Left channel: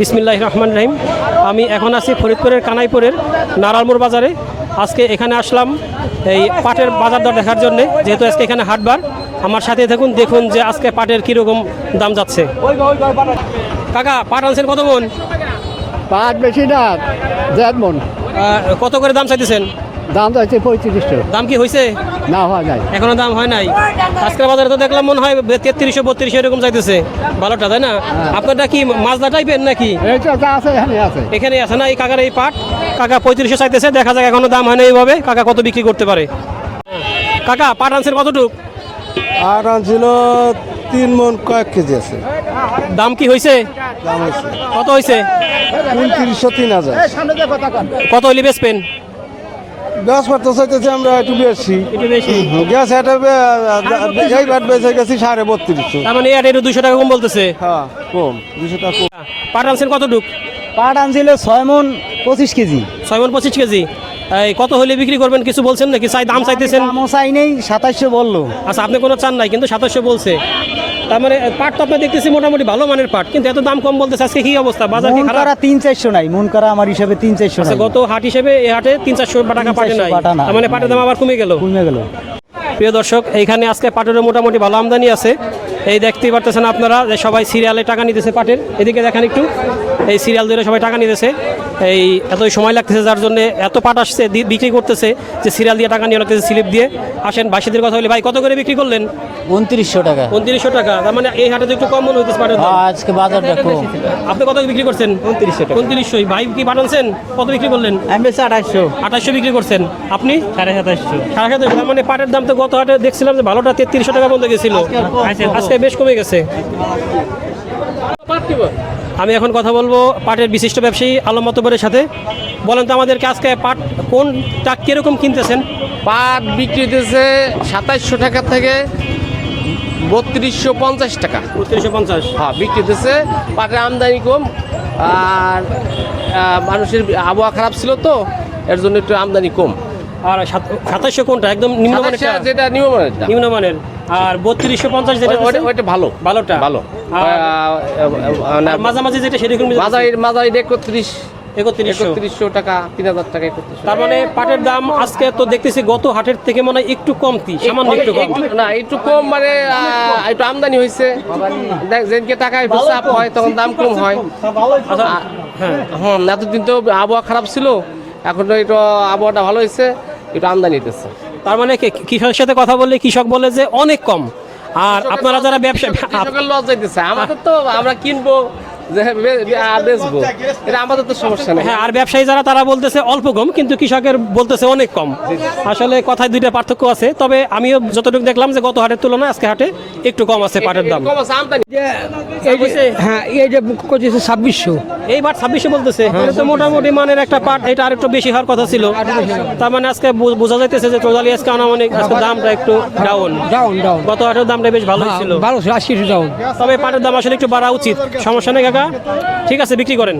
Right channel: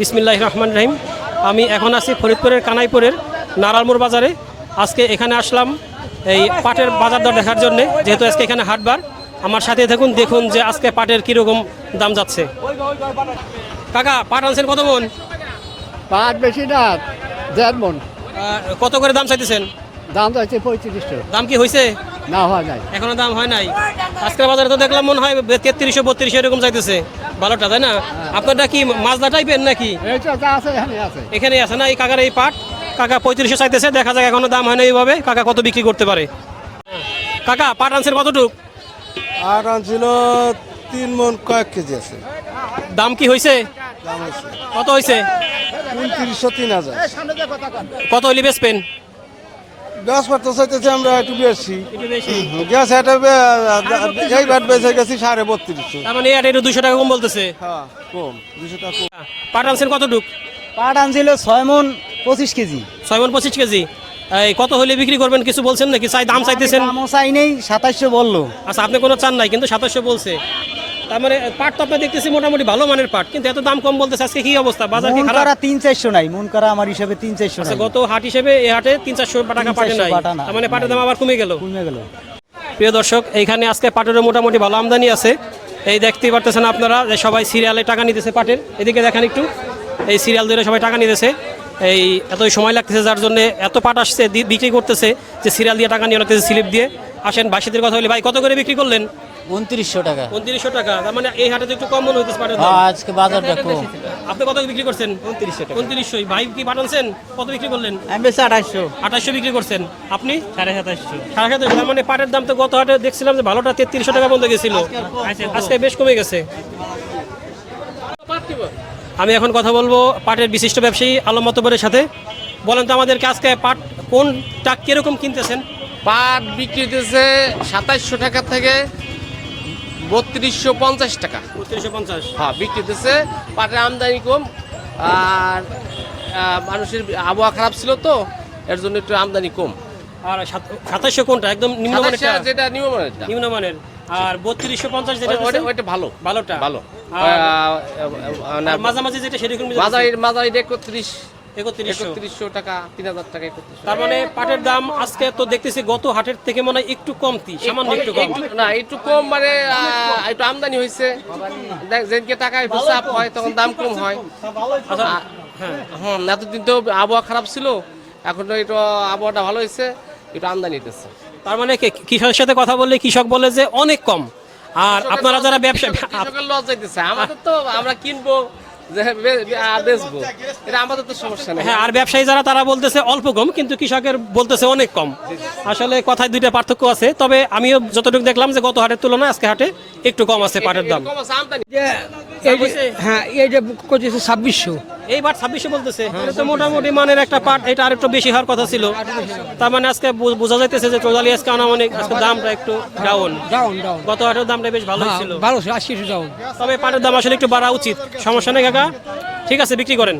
বিসমিল্লাহ রহমান রহিম। আমি এখন আছি ফরিদপুরের কানাইপুরের নারালমোড় বাজারে। আজকে এখানে আসলাম এই পাটের বাজার দর দেখার জন্যে যেহেতু আজকে এখানে হাটবার আমার সাথে থাকুন দেখুন যে আজকে পাটের কীরকম দাম যাচ্ছে। কাকা পাট আনছেন কত মন? পাট বেশি না দেড় মন। কত করে দাম চাইতেছেন? দাম যাচ্ছে পঁয়ত্রিশশো দাম কি হয়েছে না হওয়া যায়। এখনও দাম হয় নাই? আজকের বাজারে তো দেখলাম মনে হয় তেত্রিশশো বত্রিশশো এরকম চাইতেছে ভালোটা তাই না? আপনারটা কি মাজদা টাইপের নাকি? আছে এখানে আছে। এখানে আছে না এই কাকার এই পাট? কাকা পঁয়ত্রিশশো চাইতেছে দেখা যাক এখনও দাম হয় না এইভাবে। কাকা কত বিক্রি করতে পারে? কাকা পাট আনছেন কতটুক? আর ছিল তিন মন কয়েক কেজি আছে। দাম কি হয়েছে দাম হয়েছে কত হয়েছে উনত্রিশশো তিন হাজার। কত হইলে বেচবেন? গ্যাস মারতে চাইতেছি আমরা একটু বেশি। গ্যাস এটা এই বাট বেঁচে গেছি সাড়ে বত্রিশশো। তার মানে এটা একটু দুশো টাকা কম বলতেছে। হ্যাঁ কম দুশো টাকা কম। পাট আনছেন কতটুক? পাট আনছিল ছয় মন পঁচিশ কেজি। ছয় মন পঁচিশ কেজি। কত হলে বিক্রি করবেন? কিছু বলছেন নাকি? চাই দাম চাইতেছেন? দামও চাই নেই সাতাশশো বলল। আচ্ছা আপনি কোনো চান নাই কিন্তু সাতাশশো বলছে। তার মানে পাট তো আপনি দেখতেছি মোটামুটি ভালো মানের পাট কিন্তু এত দাম কম বলতেছে আজকে কি অবস্থা? বাজার কি খারাপ? তিন চারশো নাই মন করা আমার হিসাবে তিন চারশো আচ্ছা নাই। গত হাট হিসেবে এই হাটে তিন চারশো টাকা পাটে নাই। পাটা নাই। তার মানে পাটের দাম আবার কমে গেল। কমে গেল। প্রিয় দর্শক এইখানে আজকে পাটের মোটামুটি ভালো আমদানি আছে। এই দেখতেই পারতেছেন আপনারা যে সবাই সিরিয়ালে টাকা নিতেছে পাটের। এদিকে দেখেন একটু। এই সিরিয়াল ধরে সবাই টাকা নিতেছে। এই এতই সময় লাগতেছে যার জন্য এত পাট আসছে বিক্রি করতেছে যে সিরিয়াল দিয়ে টাকা নিয়ে লাগতেছে স্লিপ দিয়ে। আসেন ভাইসিদের কথা বলি ভাই কত করে বিক্রি করলেন? উনত্রিশশো টাকা। উনত্রিশশো টাকা। তার মানে এই হাটে তো একটু কম মনে হইতেছে পাটের আজকে বাজারটা কম। আপনি কত বিক্রি করছেন? উনত্রিশশো টাকা। উনত্রিশশো ভাই কি পাঠানছেন কত বিক্রি করলেন? আমি আঠাশশো। আঠাশশো বিক্রি করছেন। আপনি? সাড়ে সাতাশশো। সাড়ে সাতশো তার মানে পাটের দাম তো গত হাটে দেখছিলাম যে ভালোটা তেত্রিশশো টাকা বলতে গেছিল। আজকে বেশ কমে গেছে। আমি এখন কথা বলব পাটের বিশিষ্ট ব্যবসায়ী আলম মতবরের সাথে। বলেন তো আমাদেরকে আজকে পাট কোনটা কীরকম কিনতেছেন? পাট বিক্রি দিতেছে সাতাইশশো টাকা থেকে বত্রিশশো পঞ্চাশ টাকা। উনত্রিশশো পঞ্চাশ। হ্যাঁ বিক্রি দিতেছে পাটের আমদানি কম আর মানুষের আবহাওয়া খারাপ ছিল তো এর জন্য একটু আমদানি কম। আর সাত- সাতাশশো কোনটা? একদম নিম্নমানের যেটা নিম্নমানের আর বত্রিশশো পঞ্চাশ যেটা ওইটা ভালো। ভালোটা? ভালো। আর- মাঝামাঝি যেটা সেরকম মাঝারি মাঝারি একত্রিশ একত্রিশশো। টাকা তিন হাজার টাকা তার মানে পাটের দাম আজকে তো দেখতেছি গত হাটের থেকে মনে হয় একটু কমতি সামান্য একটু কম। না একটু কম মানে একটু আমদানি হয়েছে। দেখ যেদিনকে টাকা একটু হয় তখন দাম কম হয়। আচ্ছা, হ্যাঁ। হ্যাঁ এতদিন তো আবহাওয়া খারাপ ছিল। এখন তো একটু আবহাওয়াটা ভালো হয়েছে। একটু আমদানি হইতেছে। তার মানে কৃষকের সাথে কথা বললে কৃষক বলে যে অনেক কম। আর আপনারা যারা ব্যবসা আমাদের তো আমরা কিনবো যে বেচবো। এটা আমাদের তো সমস্যা নেই। হ্যাঁ আর ব্যবসায়ী যারা তারা বলতেছে অল্প কম কিন্তু কৃষকের বলতেছে অনেক কম। আসলে কথায় দুইটা পার্থক্য আছে তবে আমিও যতটুকু দেখলাম যে গত হাটের তুলনায় আজকে হাটে একটু কম আছে পাটের দাম। কম আছে আমদানি। হ্যাঁ এই যে করতেছে ছাব্বিশশো। এইবার ছাব্বিশে বলতেছে। তাহলে তো মোটামুটি মানের একটা পাট এটা আর একটু বেশি হওয়ার কথা ছিল। তার মানে আজকে বোঝা যাইতেছে যে আজকে আনামানিক আজকে দামটা একটু ডাউন ডাউন ডাউন গত হাটের দামটা বেশ ছিল। ভালো আশি ডাউন তবে পাটের দাম আসলে একটু বাড়া উচিত। সমস্যা নেই ঠিক আছে বিক্রি করেন।